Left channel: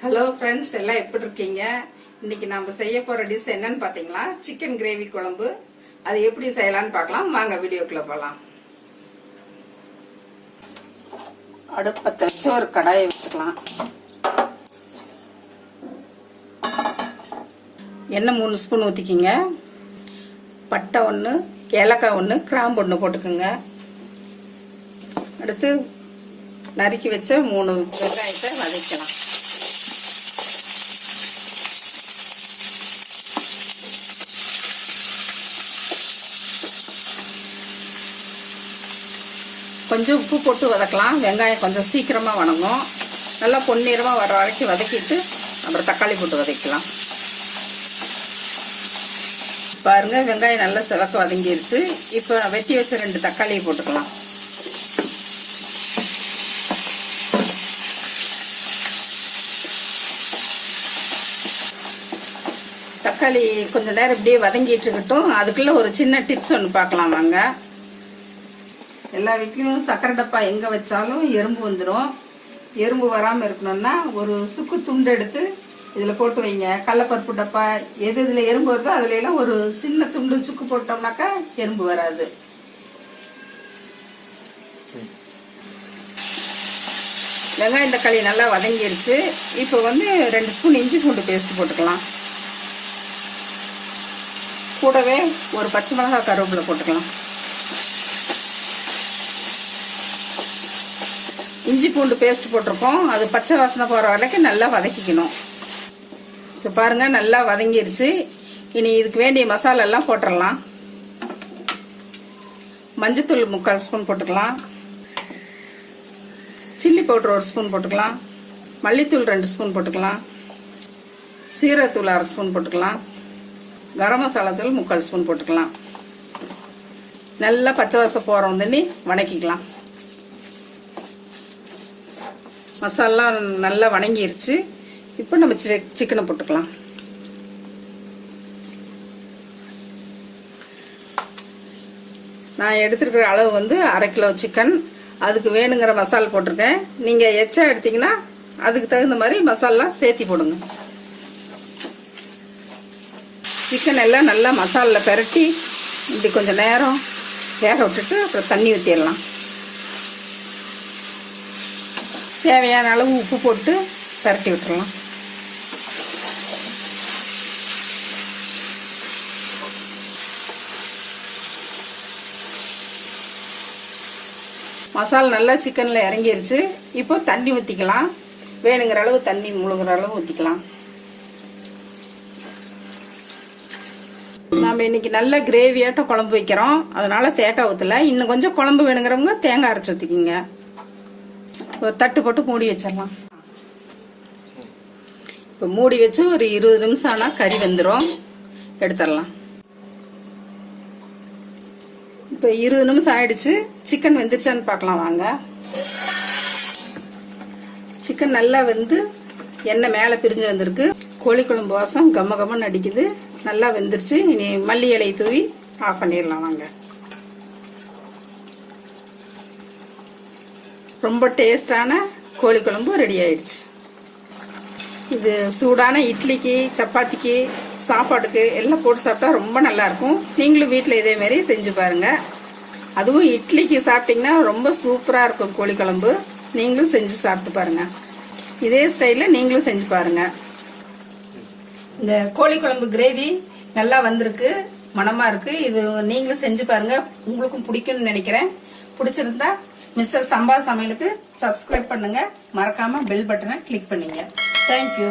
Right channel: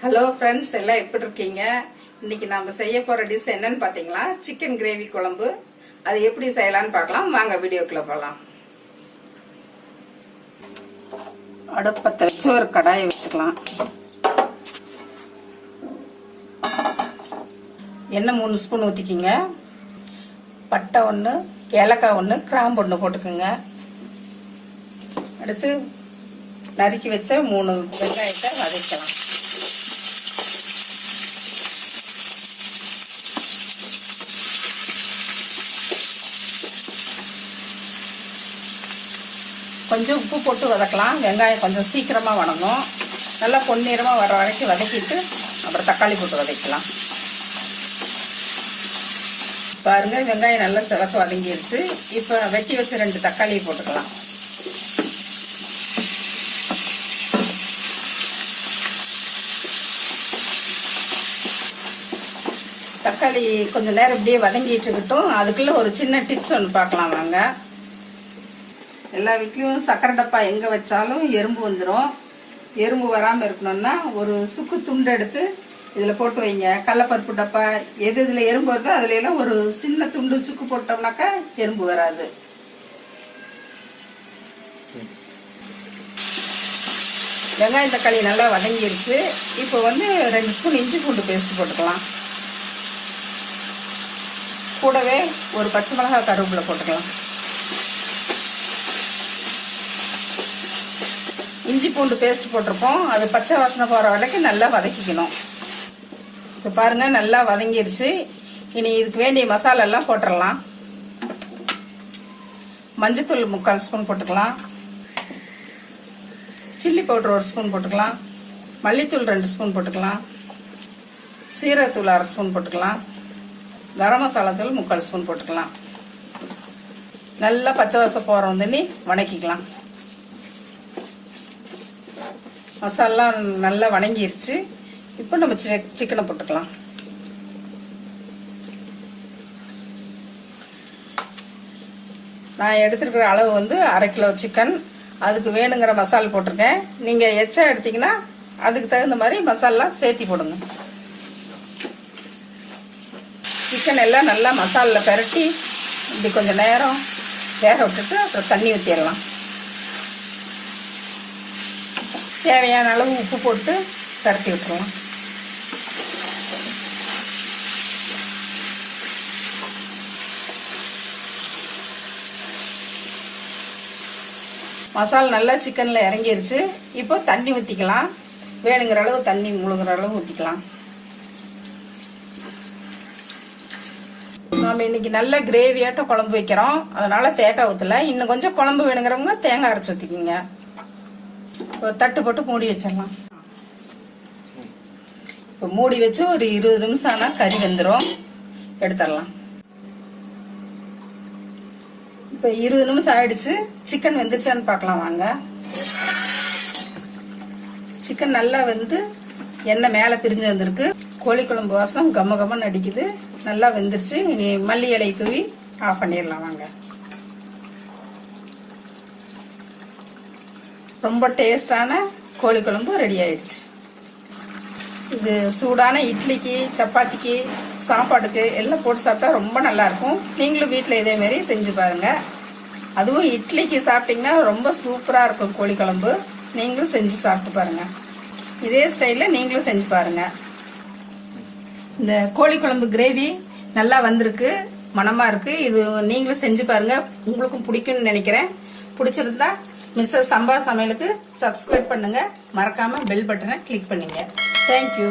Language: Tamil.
ஹலோ ஃப்ரெண்ட்ஸ், எல்லாம் எப்படி இருக்கீங்க? இன்னைக்கு நம்ம செய்ய போற டிஷ் என்னன்னு பாத்தீங்களா, சிக்கன் கிரேவி குழம்பு. அது எப்படி செய்யலாம்னு பார்க்கலாம். வாங்க வீடியோக்குள்ள போலாம். அடுப்பத்தை வச்சு ஒரு கடாயை வச்சுக்கலாம். எண்ணெய் 3 ஸ்பூன் ஊத்திக்கிங்க. பட்டை 1, ஏலக்காய் 1, கிராம்பு 1 போட்டுக்குங்க. அடுத்து நறுக்கி வச்ச 3 வெங்காயத்தை வதக்கலாம். கொஞ்சம் உப்பு போட்டு வதக்கலாம். வெங்காயம் கொஞ்சம் சீக்கிரமா வதங்கும். நல்லா பொன்னிறமா வர வரைக்கும் வதக்கிட்டு அப்புறம் தக்காளி போட்டு வதக்கலாம். பாருங்க, வெங்காயம் நல்லா சிவக்க வதங்கிருச்சு. இப்ப வெட்டி வச்ச 2 தக்காளியை போட்டுக்கலாம். தக்காளி கொஞ்ச நேரம் இப்படியே வதங்கிட்டு இருக்கட்டும். அதுக்குள்ள ஒரு சின்ன டிப்ஸ் ஒன்று பார்க்கலாம் வாங்க. எல்லா வீட்லயும் சக்கரை டப்பா எங்க வச்சாலும் எறும்பு வந்துடும். எறும்பு வராம இருக்கணும்னா ஒரு சுக்கு துண்டு எடுத்து இதுல போட்டு வைங்க. கடலப்பருப்பு டப்பா எது இதுல எறும்பு வருதோ அதுல எல்லாம் ஒரு சின்ன துண்டு சுக்கு போட்டோம்னாக்கா எறும்பு வராது. வெங்காயம் தக்காளி நல்லா வதங்கிடுச்சு. இப்போ 2 ஸ்பூன் இஞ்சி பூண்டு பேஸ்ட் போட்டுக்கலாம். கூடவே ஒரு பச்சை மிளகாய் கருவேப்பிலை போட்டுக்கலாம். இஞ்சி பூண்டு பேஸ்ட் போட்டிருப்போம். அது பச்சை வாசனை போற வரைக்கும் நல்லா வதக்கிக்கணும். இப்ப பாருங்க, நல்லா வதங்கிருச்சு. இனி இதுக்கு வேண்டிய மசாலா எல்லாம் போட்டுடலாம். மஞ்சத்தூள் 3/4 ஸ்பூன் போட்டுக்கலாம். சில்லி பவுடர் 1 ஸ்பூன் போட்டுக்கலாம். மல்லித்தூள் 2 ஸ்பூன் போட்டுக்கலாம். சீரகத்தூள் 1/2 ஸ்பூன் போட்டுக்கலாம். கரம் மசாலா தூள் 3/4 ஸ்பூன் போட்டுக்கலாம். நல்லா பச்சை வாசம் போறோம் தண்ணி வதக்கிக்கலாம். மசாலா நல்லா வணங்கிருச்சு. இப்போ நம்ம சிக்கனை போட்டுக்கலாம். நான் எடுத்துருக்கிற அளவு 1/2 கிலோ சிக்கன். அதுக்கு வேணுங்கிற மசாலா போட்டிருக்கேன். நீங்க எச்சா எடுத்தீங்கன்னா அதுக்கு தகுந்த மாதிரி மசாலா சேர்த்தி போடுங்க. சிக்கன் எல்லாம் நல்லா மசாலா பெரட்டி இப்படி கொஞ்சம் நேரம் வேக விட்டுட்டு அப்புறம் தண்ணி ஊற்றிடலாம். தேவையான அளவு உப்பு போட்டு பரட்டி விட்டுறலாம். மசாலா நல்லா சிக்கன்ல இறங்கிருச்சு. இப்போ தண்ணி ஊத்திக்கலாம். வேணுங்கிற அளவு தண்ணி முழுகிற அளவு ஊத்திக்கலாம். நாம இன்னைக்கு நல்ல கிரேவியாட்ட குழம்பு வைக்கிறோம். அதனால தேங்காய் ஊத்தல. இன்னும் கொஞ்சம் குழம்பு வேணுங்கிறவங்க தேங்காய் அரைச்சு ஊத்திக்கிங்க. தட்டு போட்டு மூடி வச்சிடலாம். இப்ப மூடி வச்சு ஒரு 20 நிமிஷம் ஆனா கறி வெந்துடும். எடுத்துடலாம். இப்ப 20 நிமிஷம் ஆயிடுச்சு. சிக்கன் வெந்துருச்சான்னு பார்க்கலாம் வாங்க. சிக்கன் நல்லா எண்ணெய் மேல பிரிஞ்சு வந்திருக்கு. கோழி குழம்பு வாசம் கம்ம கம்மன்னு அடிக்குது. நல்லா வெந்துருச்சு. இனி மல்லி இலை தூவி ஆஃப் பண்ணிடலாம் வாங்க. ரொம்ப டேஸ்டான கோழி குழம்பு ரெடி ஆயிடுச்சு. இது சூடான இட்லிக்கு, சப்பாத்திக்கு, சாப்பாட்டுக்கு எல்லாம் போட்டு சாப்பிட்டா ரொம்ப நல்லா இருக்கும். நீங்களும் வீட்டில் இதே மாதிரி செஞ்சு பாருங்க. அதுவும் இட்லிக்கு சாப்பிட்டீங்கன்னா ரொம்ப சூப்பரா இருக்கும் கோழி குழம்பு. நீங்களும் செஞ்சு சாப்பிட்டு பாருங்க. இதே ஸ்டைல்ல நீங்களும் செஞ்சு பாருங்க. இந்த கோழி குழம்பு கிரேவி நல்லா வந்திருக்கு, மனமா இருக்கு. இது நீங்களும் செஞ்சு பாருங்க. உங்களுக்கும் பிடிக்கும்னு நினைக்கிறேன். பிடிச்சிருந்தா மிஸ்ஸஸ் சம்பா சமையலுக்கு சப்ஸ்கிரைப் பண்ணுங்க. மறக்காம பெல் பட்டனை கிளிக் பண்ணுங்க. தேங்க்யூ.